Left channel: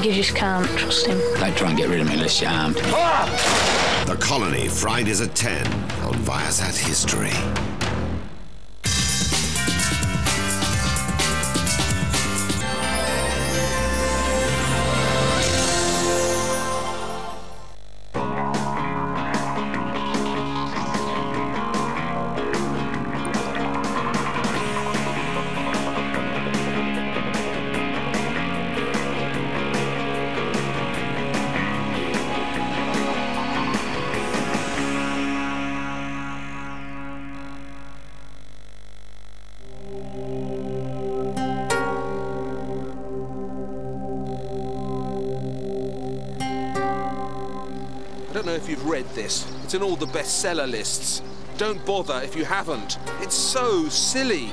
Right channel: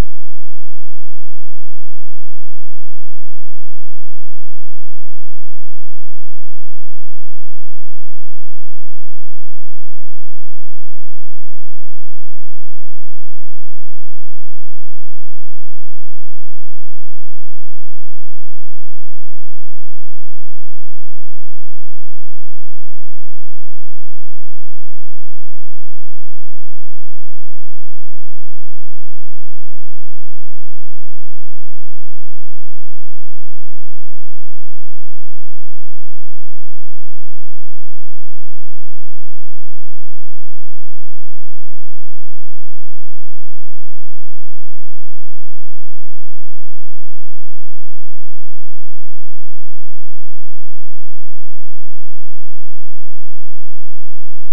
You just can't trust him. They try and get rid of me unless you're armed. The Colony, Fridays at 10 on Viasat History. It's in all the bestseller lists. Don't bother if you haven't. It's so silly.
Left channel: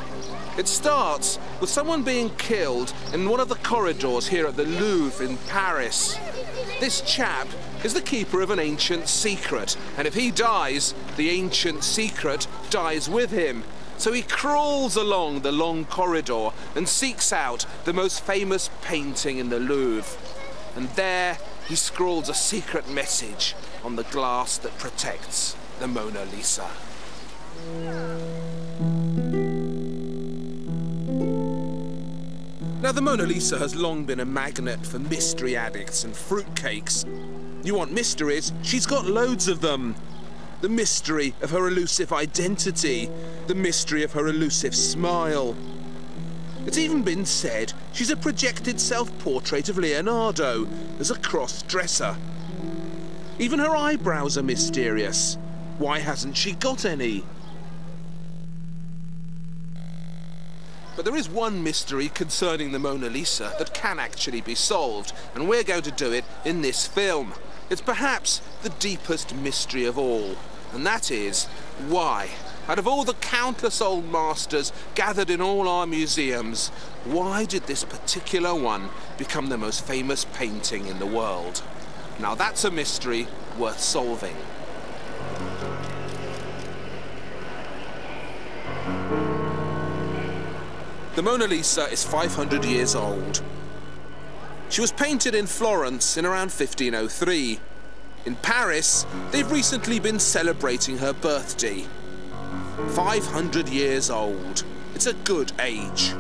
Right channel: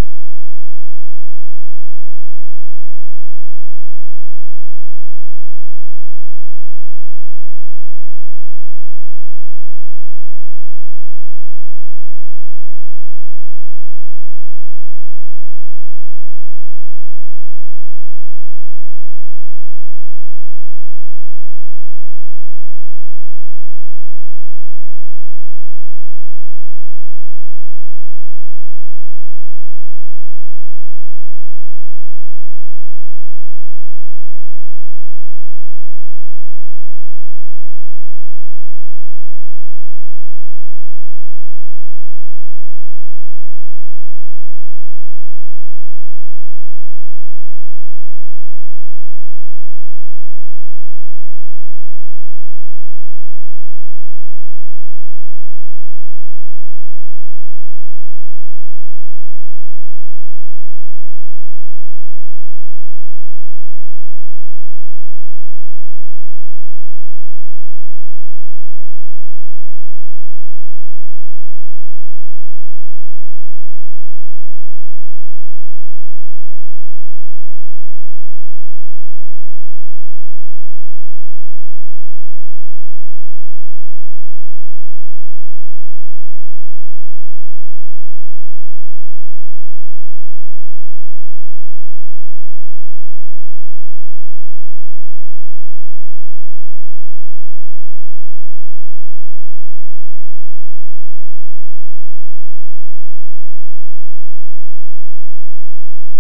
It starts with someone being killed in one of the corridors here at the Louvre in Paris. This chap is the keeper of an ancient secret, and if he dies, the ancient secret dies with him. So he crawls along the long corridor and seeks out the most famous painting in the Louvre. And there he scrawls a secret message on the glass that protects the Mona Lisa. Now, the Mona Lisa has long been a magnet for mystery addicts and fruitcakes. You want mysteries? She's got loads of them. The mystery of her elusive identity, the mystery of her elusive smile. It's even been said she's a projected self-portrait of Leonardo as a cross-dresser. Even her eyebrows are mysterious. Why hasn't she got any? But there is one mystery concerning the Mona Lisa that can actually be solved, and we're going to do it in this film. It's perhaps the deepest mystery of all, and that is why, out of all the countless old masters gathered in all our museums, why did this particular one become the most famous painting in the world? Now that's a mystery worth solving. The Mona Lisa is 500 years old. She was painted in Florence in around 1503. In Paris, they've recently been celebrating her birthday. 500 years old. It's a good age.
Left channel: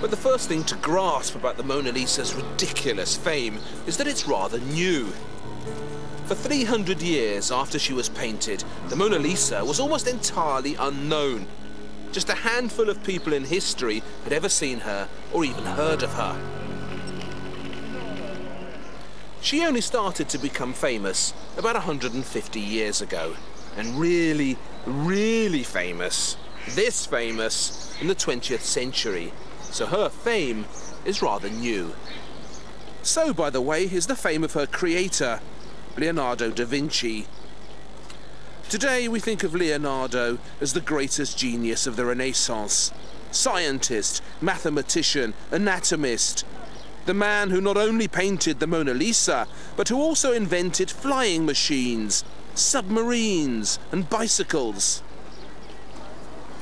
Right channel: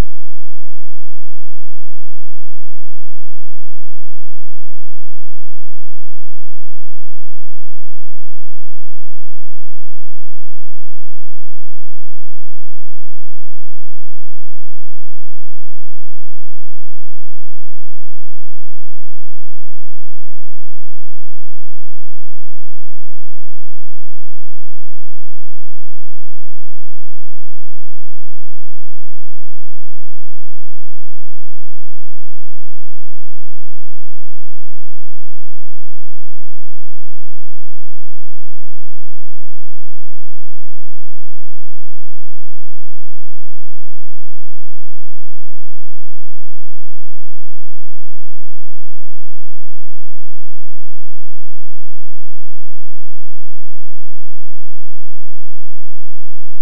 But the first thing to grasp about the Mona Lisa's ridiculous fame is that it's rather new. For 300 years after she was painted, the Mona Lisa was almost entirely unknown. Just a handful of people in history had ever seen her or even heard of her. She only started to become famous about 150 years ago, and really, really famous, this famous, in the 20th century. So her fame is rather new. So, by the way, is the fame of her creator, Leonardo da Vinci. Today we think of Leonardo as the greatest genius of the Renaissance. Scientist, mathematician, anatomist. The man who not only painted the Mona Lisa, but who also invented flying machines, submarines, and bicycles.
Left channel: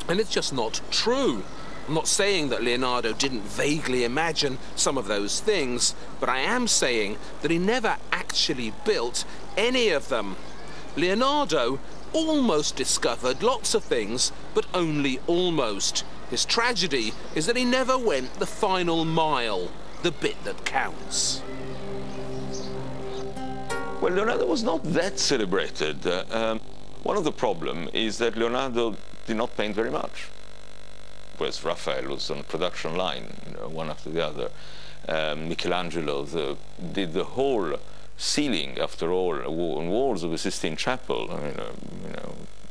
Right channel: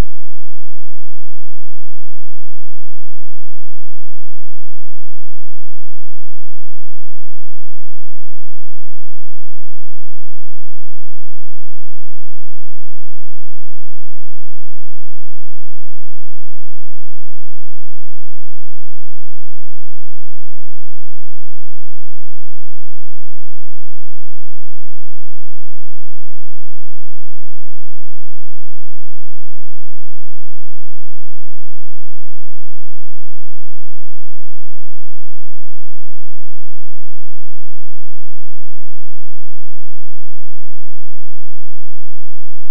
And it's just not true. I'm not saying that Leonardo didn't vaguely imagine some of those things, but I am saying that he never actually built any of them. Leonardo almost discovered lots of things, but only almost. His tragedy is that he never went the final mile, the bit that counts. Well, Leonardo was not that celebrated. One of the problems is that Leonardo did not paint very much. Whereas Raphael was on a production line, one after the other. Michelangelo did the whole ceiling, after all, on walls of the Sistine Chapel. I mean,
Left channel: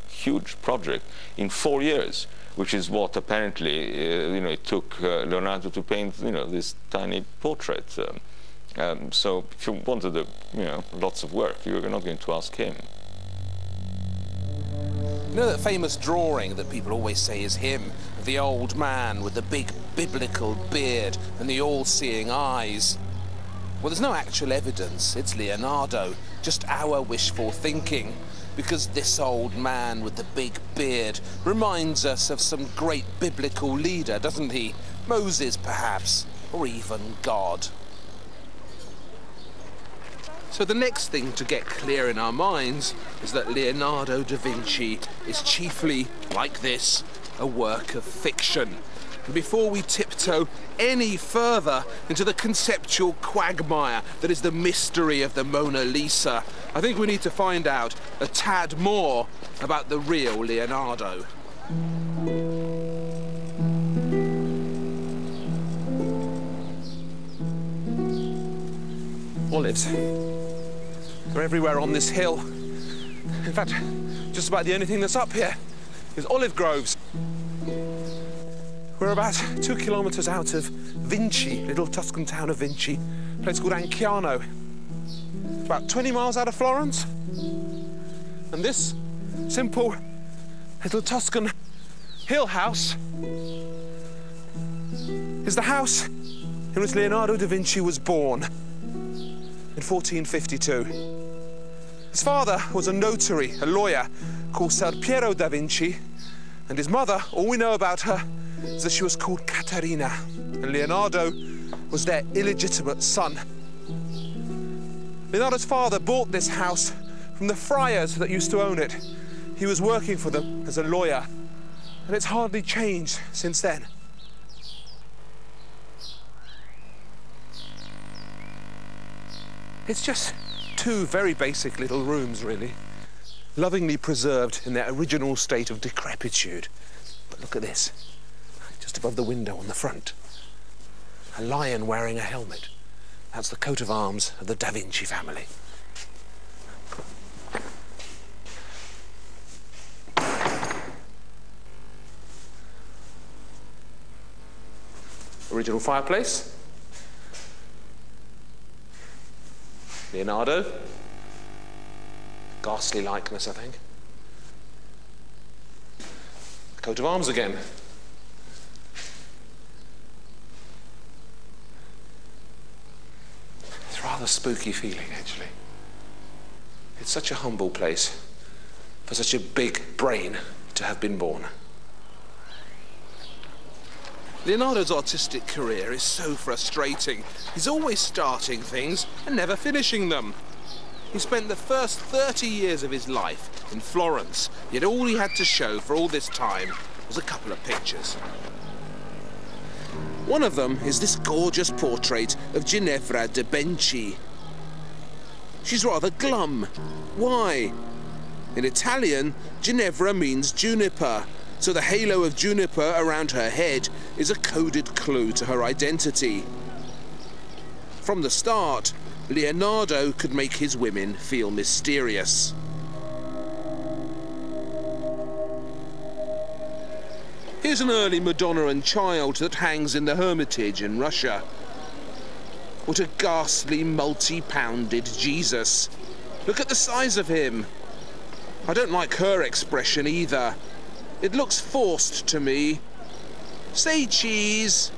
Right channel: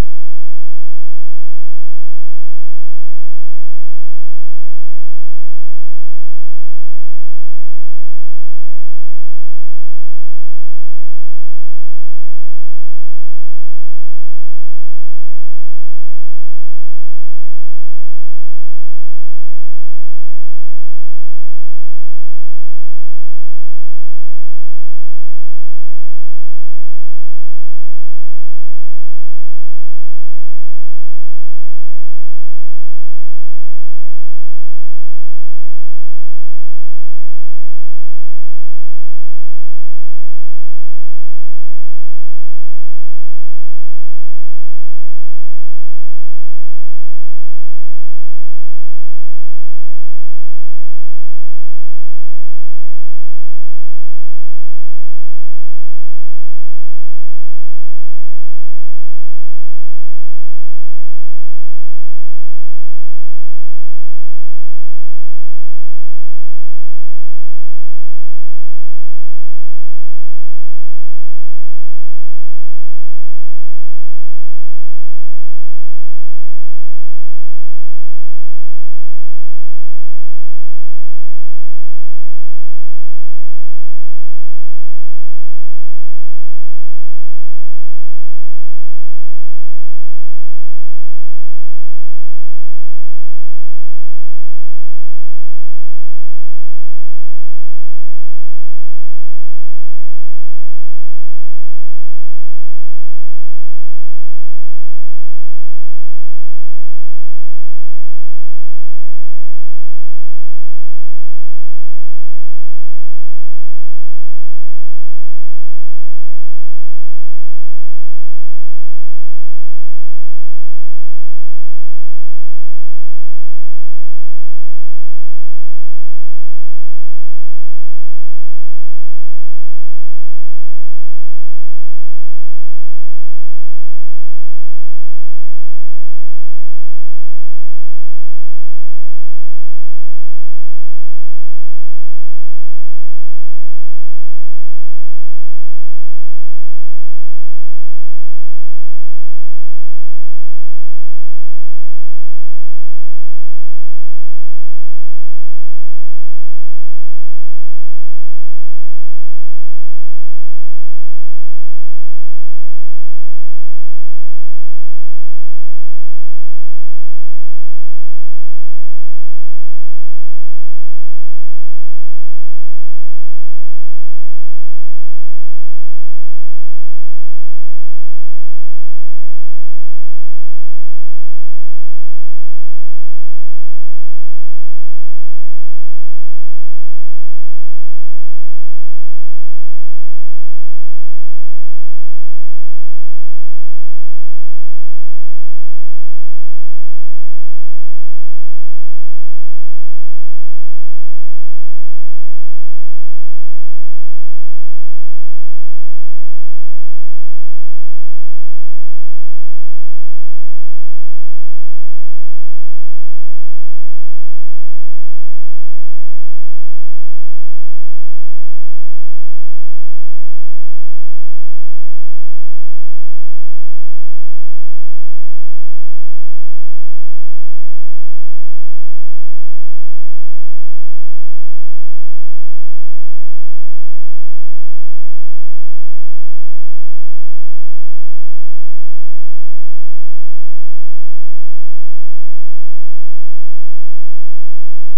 huge project in 4 years, which is what apparently it took Leonardo to paint this tiny portrait. So if you wanted lots of work, you're not going to ask him. You know that famous drawing that people always say is him, of the old man with the big biblical beard and the all-seeing eyes? Well, there's no actual evidence. It's Leonardo, just our wishful thinking, because this old man with the big beard reminds us of some great biblical leader, doesn't he? muses, perhaps, or even God. So the next thing to get clear in our minds is that Leonardo da Vinci is chiefly, like this, a work of fiction. And before we tiptoe any further into the conceptual quagmire that is the mystery of the Mona Lisa, I think we need to find out a tad more about the real Leonardo. Olives. They're everywhere on this hill. In fact, just about the only thing that's up here is olive groves. We're about 2 kilometers out of Vinci, little Tuscan town of Vinci, a place called Anciano. It's about 20 miles out of Florence. And this simple little Tuscan hill house is the house in which Leonardo da Vinci was born in 1452. His father was a notary, a lawyer, called Ser Piero da Vinci, and his mother, all we know about her is that she was called Caterina, and Leonardo was their illegitimate son. Leonardo's father bought this house from the friars that used to own it. He was working for them as a lawyer, and it's hardly changed since then. It's just 2 very basic little rooms, really, lovingly preserved in their original state of decrepitude. But look at this, just above the window on the front. A lion wearing a helmet. That's the coat of arms of the Da Vinci family. Original fireplace. Leonardo. Ghastly likeness, I think. Coat of arms again. It's rather spooky feeling, actually. It's such a humble place for such a big brain to have been born. Leonardo's artistic career is so frustrating. He's always starting things and never finishing them. He spent the first 30 years of his life in Florence, yet all he had to show for all this time was a couple of pictures. One of them is this gorgeous portrait of Ginevra de Benci. She's rather glum. Why? In Italian, Ginevra means juniper, so the halo of juniper around her head is a coded clue to her identity. From the start, Leonardo could make his women feel mysterious. Here's an early Madonna and Child that hangs in the Hermitage in Russia. What a ghastly, multi-pounded Jesus. Look at the size of him. I don't like her expression either. It looks forced to me. Say cheese.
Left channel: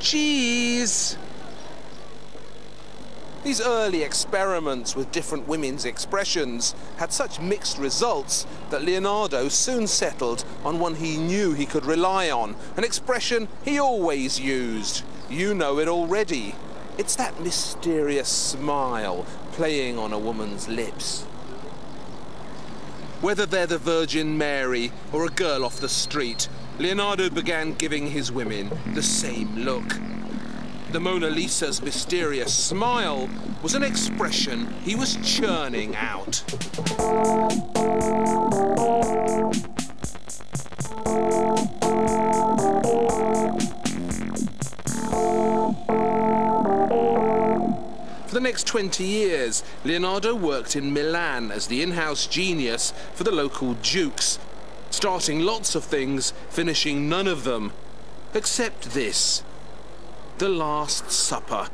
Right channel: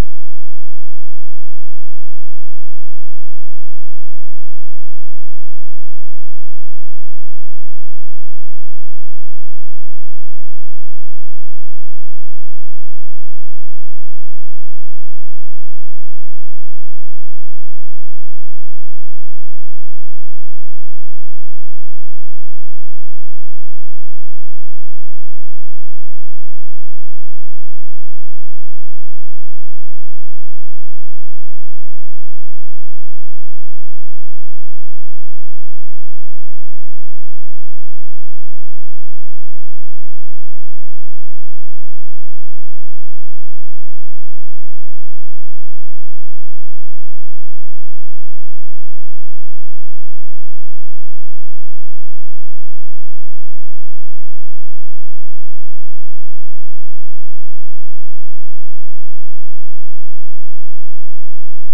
Cheese. These early experiments with different women's expressions had such mixed results that Leonardo soon settled on one he knew he could rely on, an expression he always used. You know it already. It's that mysterious smile playing on a woman's lips. Whether they're the Virgin Mary or a girl off the street, Leonardo began giving his women the same look. The Mona Lisa's mysterious smile was an expression he was churning out. For the next 20 years, Leonardo worked in Milan as the in-house genius for the local dukes, starting lots of things, finishing none of them, except this. The Last Supper,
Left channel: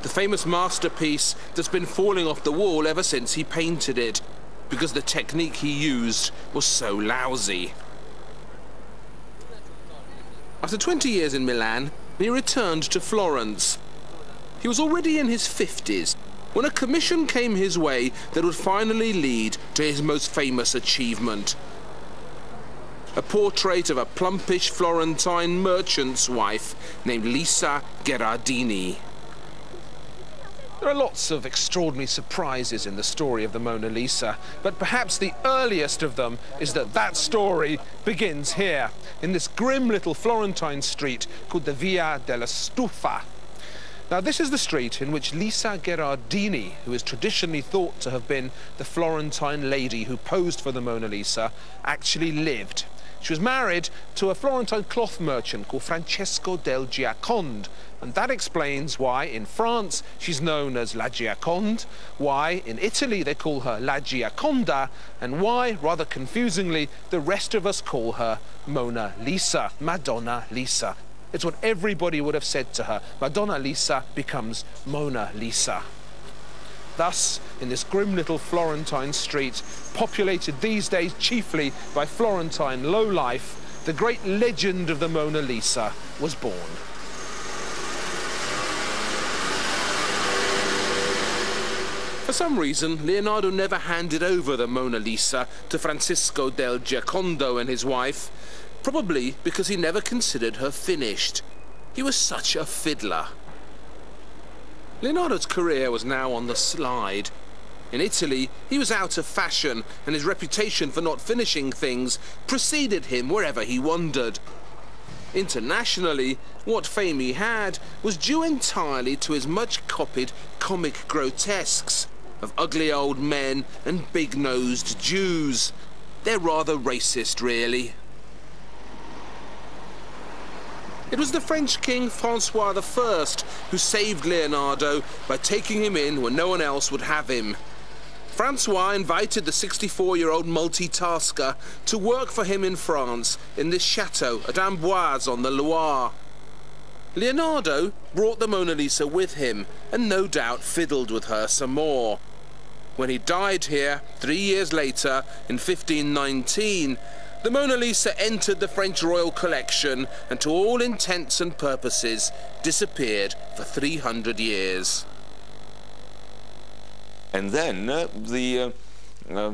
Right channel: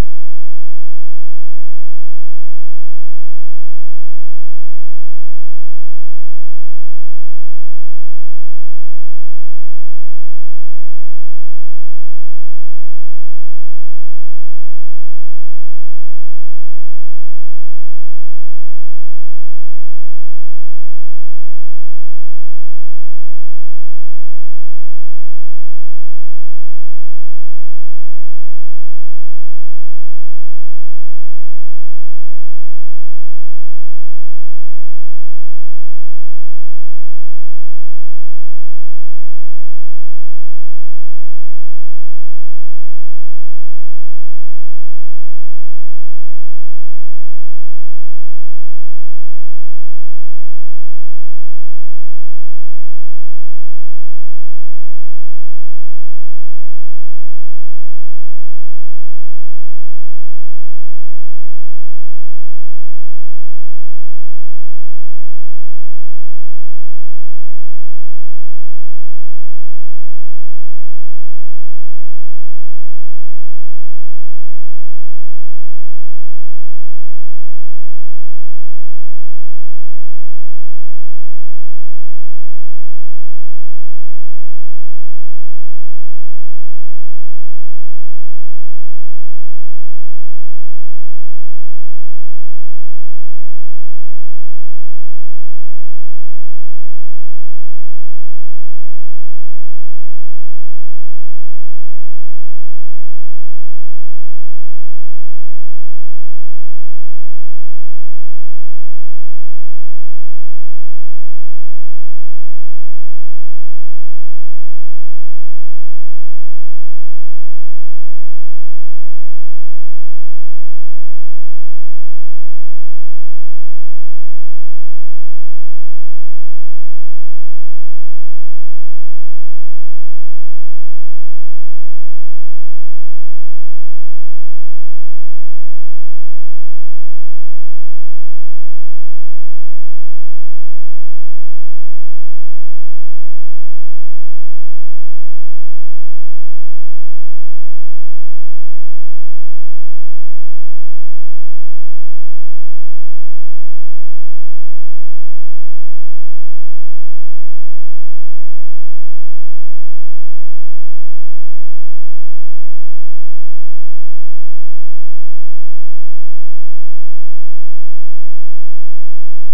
the famous masterpiece that's been falling off the wall ever since he painted it, because the technique he used was so lousy. After 20 years in Milan, he returned to Florence. He was already in his 50s when a commission came his way that would finally lead to his most famous achievement. A portrait of a plumpish Florentine merchant's wife named Lisa Gherardini. There are lots of extraordinary surprises in the story of the Mona Lisa, but perhaps the earliest of them is that story begins here, in this grim little Florentine street called the Via della Stufa. Now, this is the street in which Lisa Gherardini, who is traditionally thought to have been the Florentine lady who posed for the Mona Lisa, actually lived. She was married to a Florentine cloth merchant called Francesco del Giaconde, and that explains why in France she's known as La Gioconde, why in Italy they call her La Gioconda, and why, rather confusingly, the rest of us call her Mona Lisa, Madonna Lisa. It's what everybody would have said to her. Madonna Lisa becomes Mona Lisa. Thus, in this grim little Florentine street, populated these days chiefly by Florentine lowlife, the great legend of the Mona Lisa was born. For some reason, Leonardo never handed over the Mona Lisa to Francisco del Giacondo and his wife, probably because he never considered her finished. He was such a fiddler. Leonardo's career was now on the slide. In Italy, he was out of fashion, and his reputation for not finishing things preceded him wherever he wandered. Internationally, what fame he had was due entirely to his much-copied comic grotesques of ugly old men and big-nosed Jews. They're rather racist, really. It was the French king Francois I who saved Leonardo by taking him in when no one else would have him. Francois invited the 64-year-old multitasker to work for him in France in this chateau at Amboise on the Loire. Leonardo brought the Mona Lisa with him and no doubt fiddled with her some more. When he died here 3 years later, in 1519, the Mona Lisa entered the French royal collection and to all intents and purposes disappeared for 300 years. And then the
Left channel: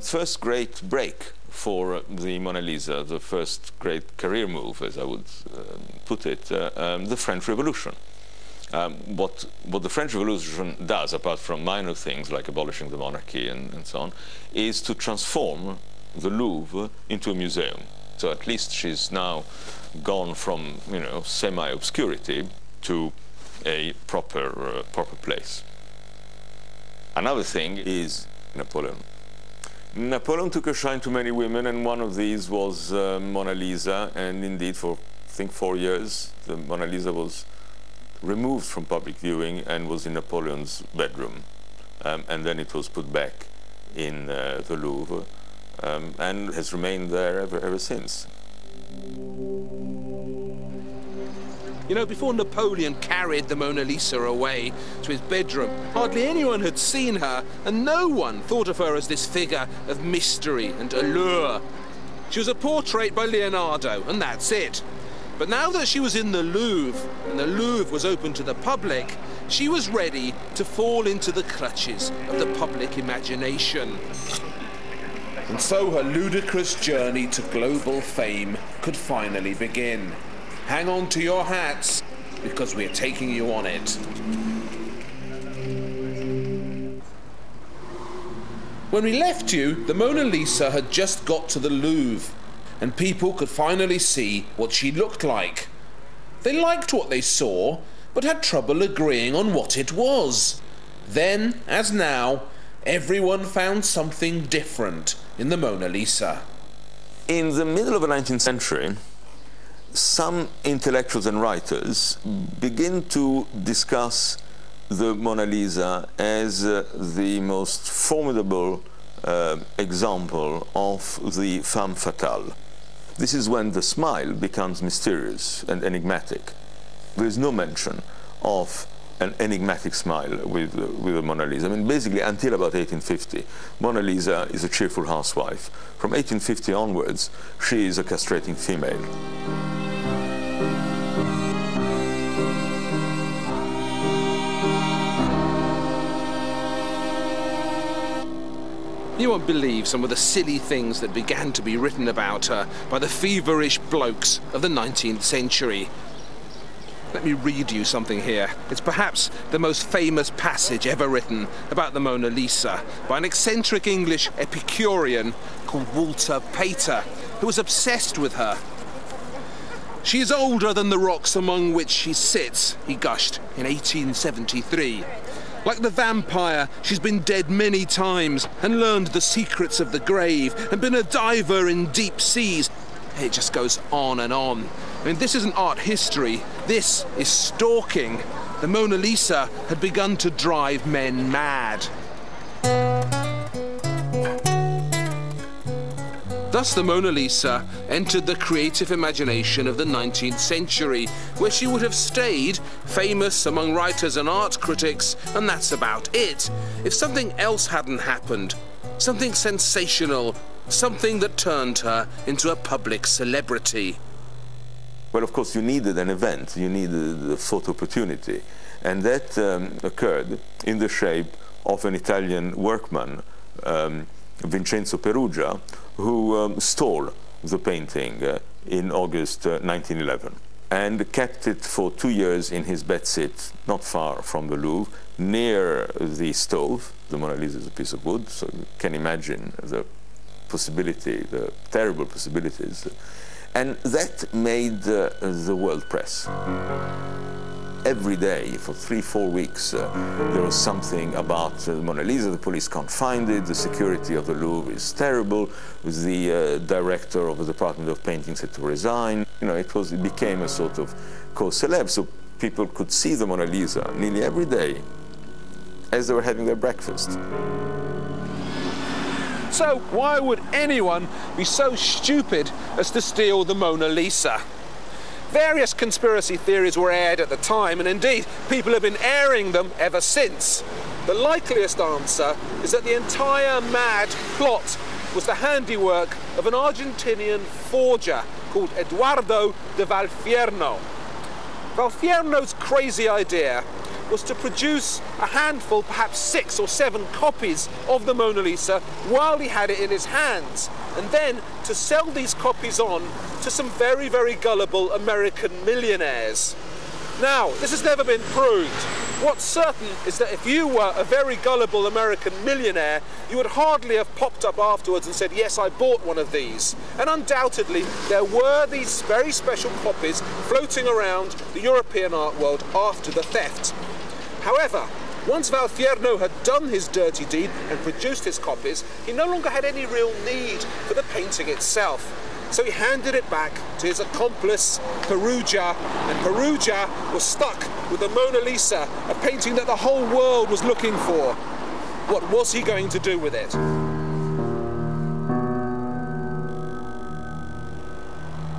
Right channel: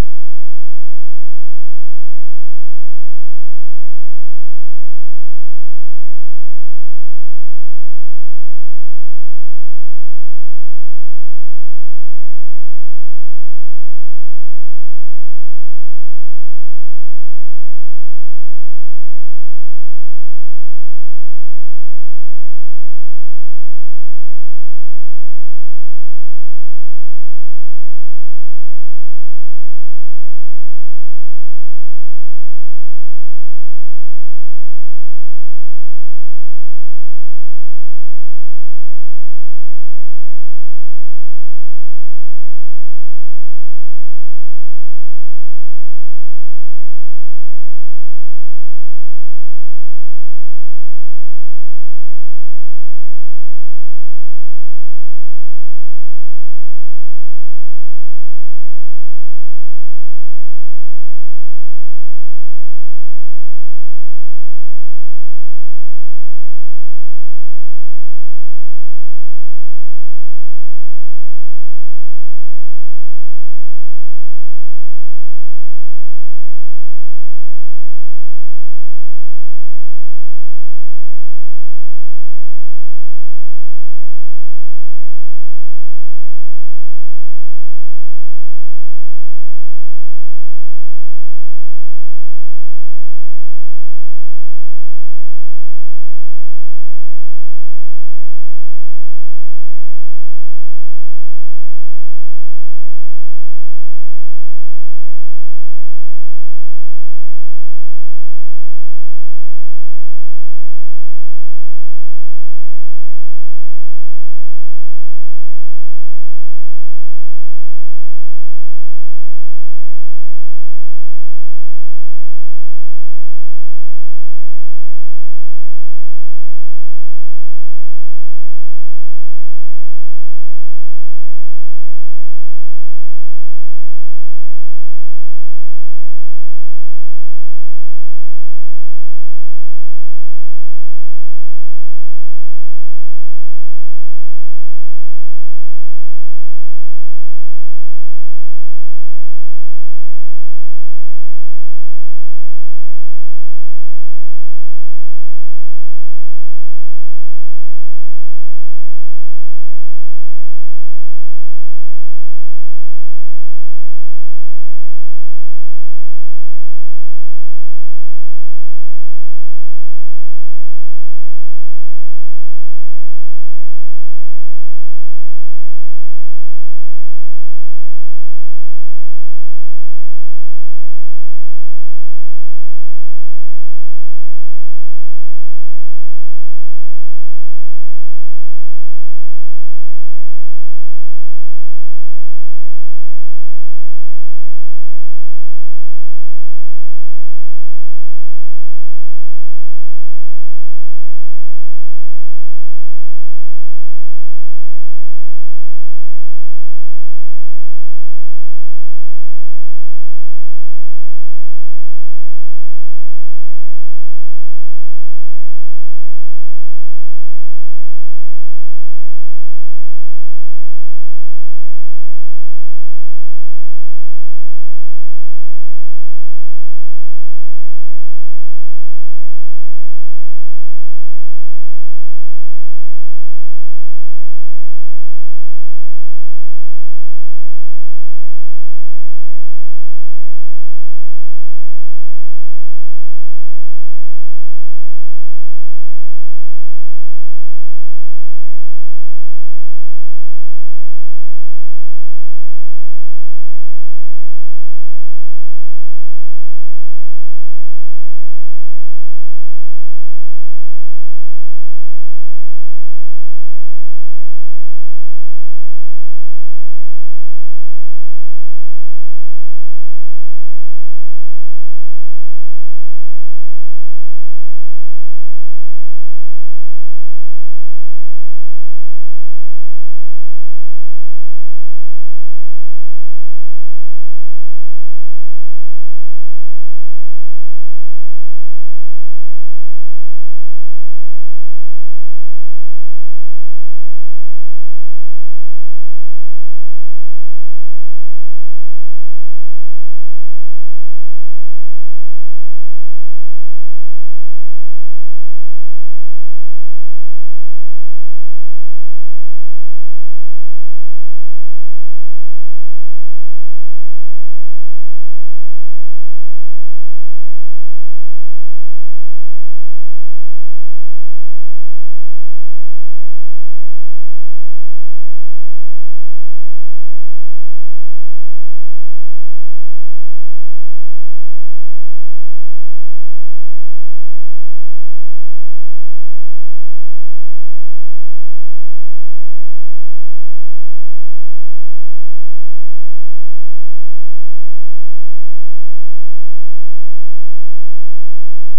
first great break for the Mona Lisa, the first great career move, as I would put it, the French Revolution. What the French Revolution does, apart from minor things like abolishing the monarchy and so on, is to transform the Louvre into a museum. So at least she's now gone from, you know, semi-obscurity to a proper place. Another thing is Napoleon. Napoleon took a shine to many women, and one of these was Mona Lisa, and indeed for, I think, 4 years, the Mona Lisa was removed from public viewing and was in Napoleon's bedroom. And then it was put back in the Louvre, and has remained there ever since. You know, before Napoleon carried the Mona Lisa away to his bedroom, hardly anyone had seen her, and no one thought of her as this figure of mystery and allure. She was a portrait by Leonardo, and that's it. But now that she was in the Louvre, and the Louvre was open to the public, she was ready to fall into the clutches of the public imagination. And so her ludicrous journey to global fame could finally begin. Hang on to your hats, because we're taking you on it. When we left you, the Mona Lisa had just got to the Louvre, and people could finally see what she looked like. They liked what they saw, but had trouble agreeing on what it was. Then, as now, everyone found something different in the Mona Lisa. In the middle of the 19th century, some intellectuals and writers begin to discuss the Mona Lisa as the most formidable example of the femme fatale. This is when the smile becomes mysterious and enigmatic. There is no mention of an enigmatic smile with the Mona Lisa. I mean, basically, until about 1850, Mona Lisa is a cheerful housewife. From 1850 onwards, she is a castrating female. You won't believe some of the silly things that began to be written about her by the feverish blokes of the 19th century. Let me read you something here. It's perhaps the most famous passage ever written about the Mona Lisa by an eccentric English Epicurean called Walter Pater, who was obsessed with her. "She is older than the rocks among which she sits," he gushed in 1873. "Like the vampire, she's been dead many times and learned the secrets of the grave and been a diver in deep seas." It just goes on and on. I mean, this isn't art history, this is stalking. The Mona Lisa had begun to drive men mad. Thus the Mona Lisa entered the creative imagination of the 19th century, where she would have stayed famous among writers and art critics, and that's about it. If something else hadn't happened, something sensational, something that turned her into a public celebrity. Well, of course, you needed an event, you needed a photo opportunity, and that occurred in the shape of an Italian workman, Vincenzo Perugia, who stole the painting in August 1911 and kept it for 2 years in his bedsit not far from the Louvre, near the stove. The Mona Lisa is a piece of wood, so you can imagine the possibility, the terrible possibilities. And that made the world press. Every day, for 3-4 weeks, there was something about the Mona Lisa. The police can't find it, the security of the Louvre is terrible, the director of the Department of Paintings had to resign. You know, it became a sort of cause célèbre, so people could see the Mona Lisa nearly every day as they were having their breakfast. So why would anyone be so stupid as to steal the Mona Lisa? Various conspiracy theories were aired at the time, and indeed people have been airing them ever since. The likeliest answer is that the entire mad plot was the handiwork of an Argentinian forger called Eduardo de Valfierno. Valfierno's crazy idea was to produce a handful, perhaps 6 or 7 copies of the Mona Lisa while he had it in his hands, and then to sell these copies on to some very, very gullible American millionaires. Now, this has never been proved. What's certain is that if you were a very gullible American millionaire, you would hardly have popped up afterwards and said, "Yes, I bought one of these." And undoubtedly, there were these very special copies floating around the European art world after the theft. However, once Valfierno had done his dirty deed and produced his copies, he no longer had any real need for the painting itself. So he handed it back to his accomplice, Perugia, and Perugia was stuck with the Mona Lisa, a painting that the whole world was looking for. What was he going to do with it?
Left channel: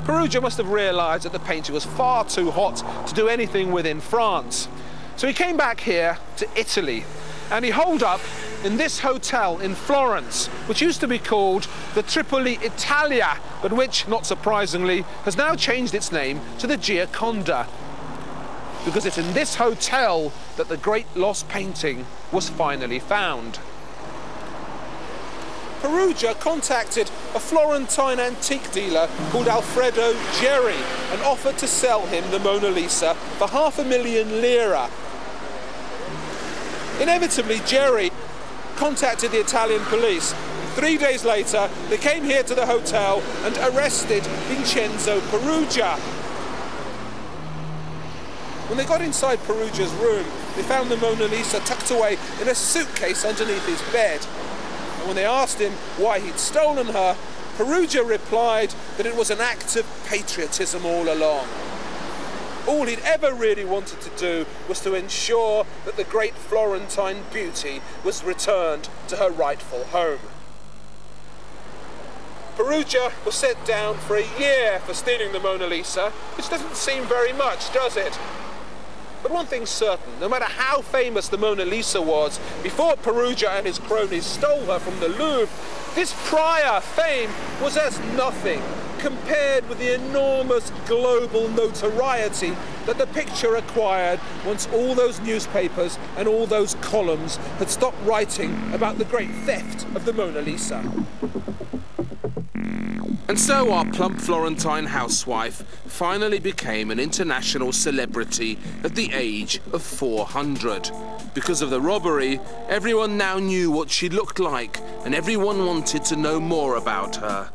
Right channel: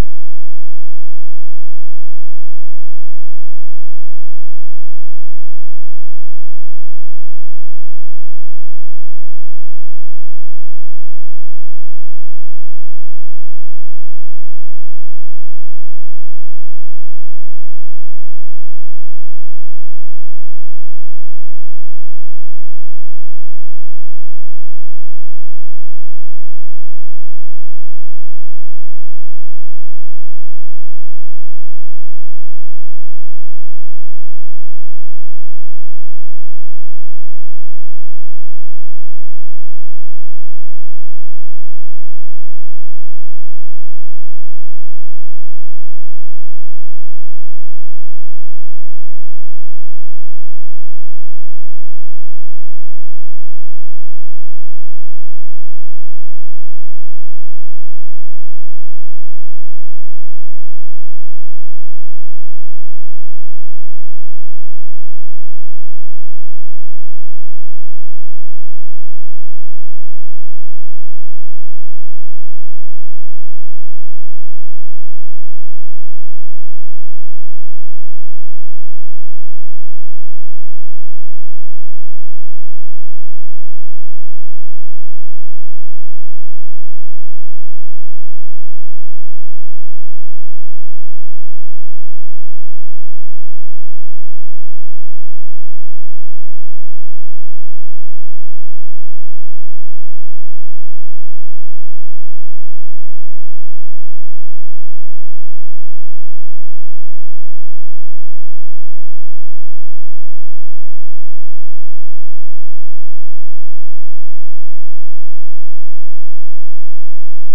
Perugia must have realised that the painting was far too hot to do anything with in France. So he came back here to Italy, and he holed up in this hotel in Florence, which used to be called the Tripoli Italia, but which, not surprisingly, has now changed its name to the Gioconda, because it's in this hotel that the great lost painting was finally found. Perugia contacted a Florentine antique dealer called Alfredo Geri and offered to sell him the Mona Lisa for £500,000 lira. Inevitably, Geri contacted the Italian police. 3 days later, they came here to the hotel and arrested Vincenzo Perugia. When they got inside Perugia's room, they found the Mona Lisa tucked away in a suitcase underneath his bed. And when they asked him why he'd stolen her, Perugia replied that it was an act of patriotism all along. All he'd ever really wanted to do was to ensure that the great Florentine beauty was returned to her rightful home. Perugia was sent down for a year for stealing the Mona Lisa, which doesn't seem very much, does it? But one thing's certain, no matter how famous the Mona Lisa was, before Perugia and his cronies stole her from the Louvre, this prior fame was as nothing compared with the enormous global notoriety that the picture acquired once all those newspapers and all those columns had stopped writing about the great theft of the Mona Lisa. And so our plump Florentine housewife finally became an international celebrity at the age of 400. Because of the robbery, everyone now knew what she looked like, and everyone wanted to know more about her.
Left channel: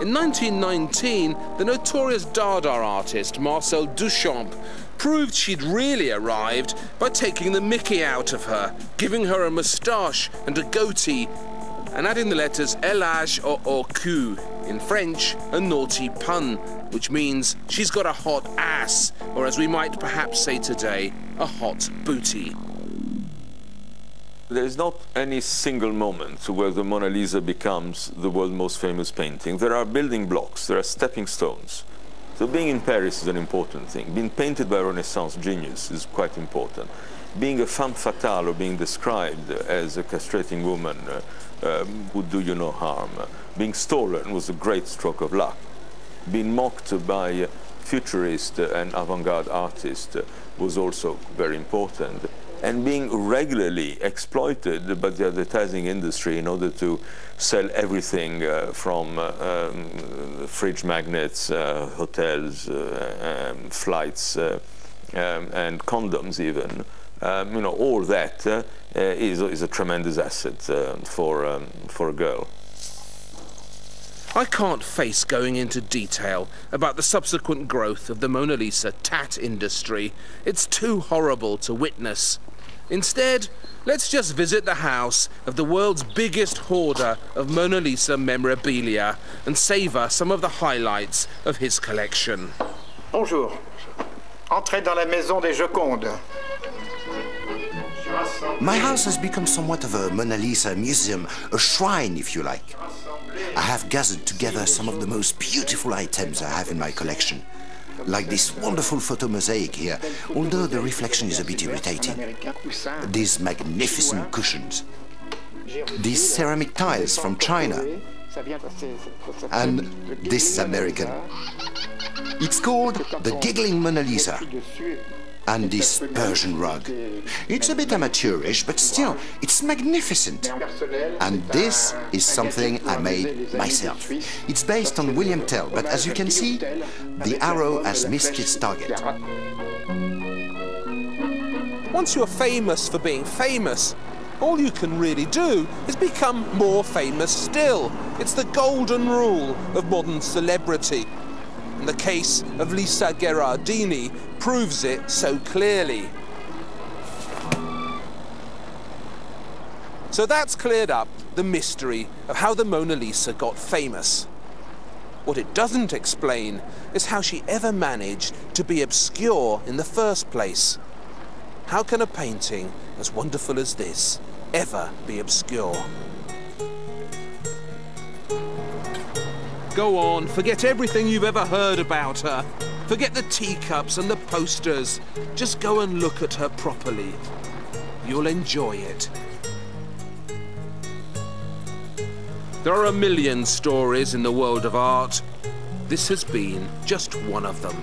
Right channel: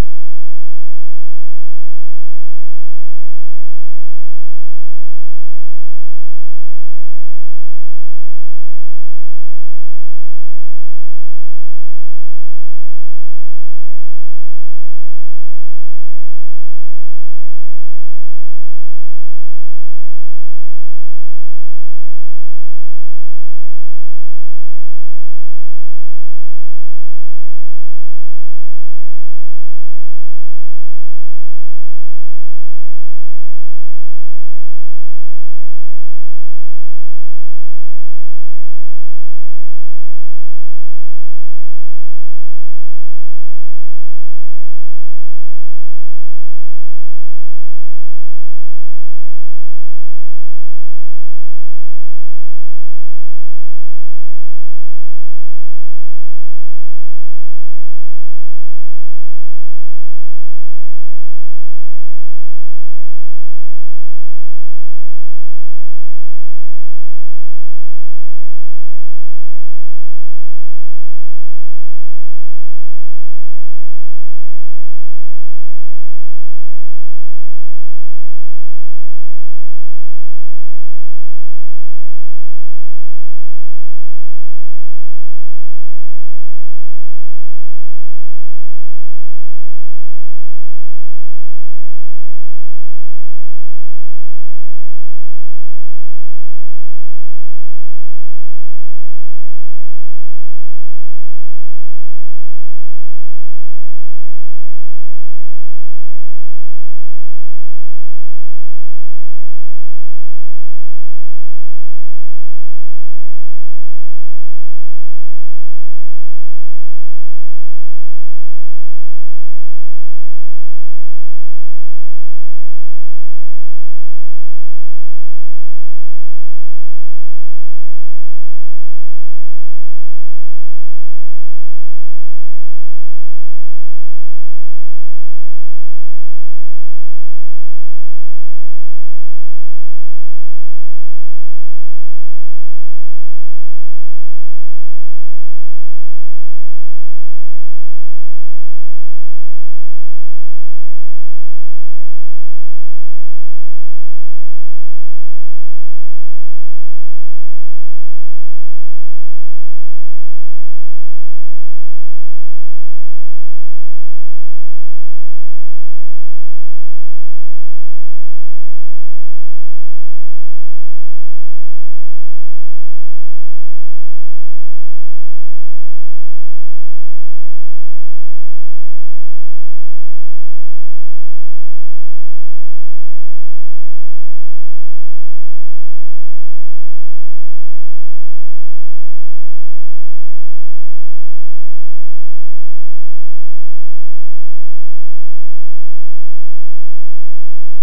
In 1919, the notorious Dada artist Marcel Duchamp proved she'd really arrived by taking the mickey out of her, giving her a moustache and a goatee, and adding the letters LH or OQ, in French, a naughty pun, which means she's got a hot ass, or as we might perhaps say today, a hot booty. There is not any single moment where the Mona Lisa becomes the world's most famous painting. There are building blocks, there are stepping stones. So being in Paris is an important thing. Being painted by a Renaissance genius is quite important. Being a femme fatale or being described as a castrating woman would do you no harm. Being stolen was a great stroke of luck. Being mocked by futurist and avant-garde artists was also very important. And being regularly exploited by the advertising industry in order to sell everything from fridge magnets, hotels, flights, and condoms even. All that is a tremendous asset for a girl. I can't face going into detail about the subsequent growth of the Mona Lisa tat industry. It's too horrible to witness. Instead, let's just visit the house of the world's biggest hoarder of Mona Lisa memorabilia and savor some of the highlights of his collection. Bonjour. Entrez dans la maison des Jocondes. My house has become somewhat of a Mona Lisa museum, a shrine if you like. I have gathered together some of the most beautiful items I have in my collection, like this wonderful photo mosaic here, although the reflection is a bit irritating. These magnificent cushions, these ceramic tiles from China, and this American. It's called the Giggling Mona Lisa. And this Persian rug. It's a bit amateurish, but still, it's magnificent. And this is something I made myself. It's based on William Tell, but as you can see, the arrow has missed its target. Once you're famous for being famous, all you can really do is become more famous still. It's the golden rule of modern celebrity. And the case of Lisa Gherardini proves it so clearly. So that's cleared up the mystery of how the Mona Lisa got famous. What it doesn't explain is how she ever managed to be obscure in the first place. How can a painting as wonderful as this ever be obscure? Go on, forget everything you've ever heard about her. Forget the teacups and the posters. Just go and look at her properly. You'll enjoy it. There are a million stories in the world of art. This has been just one of them.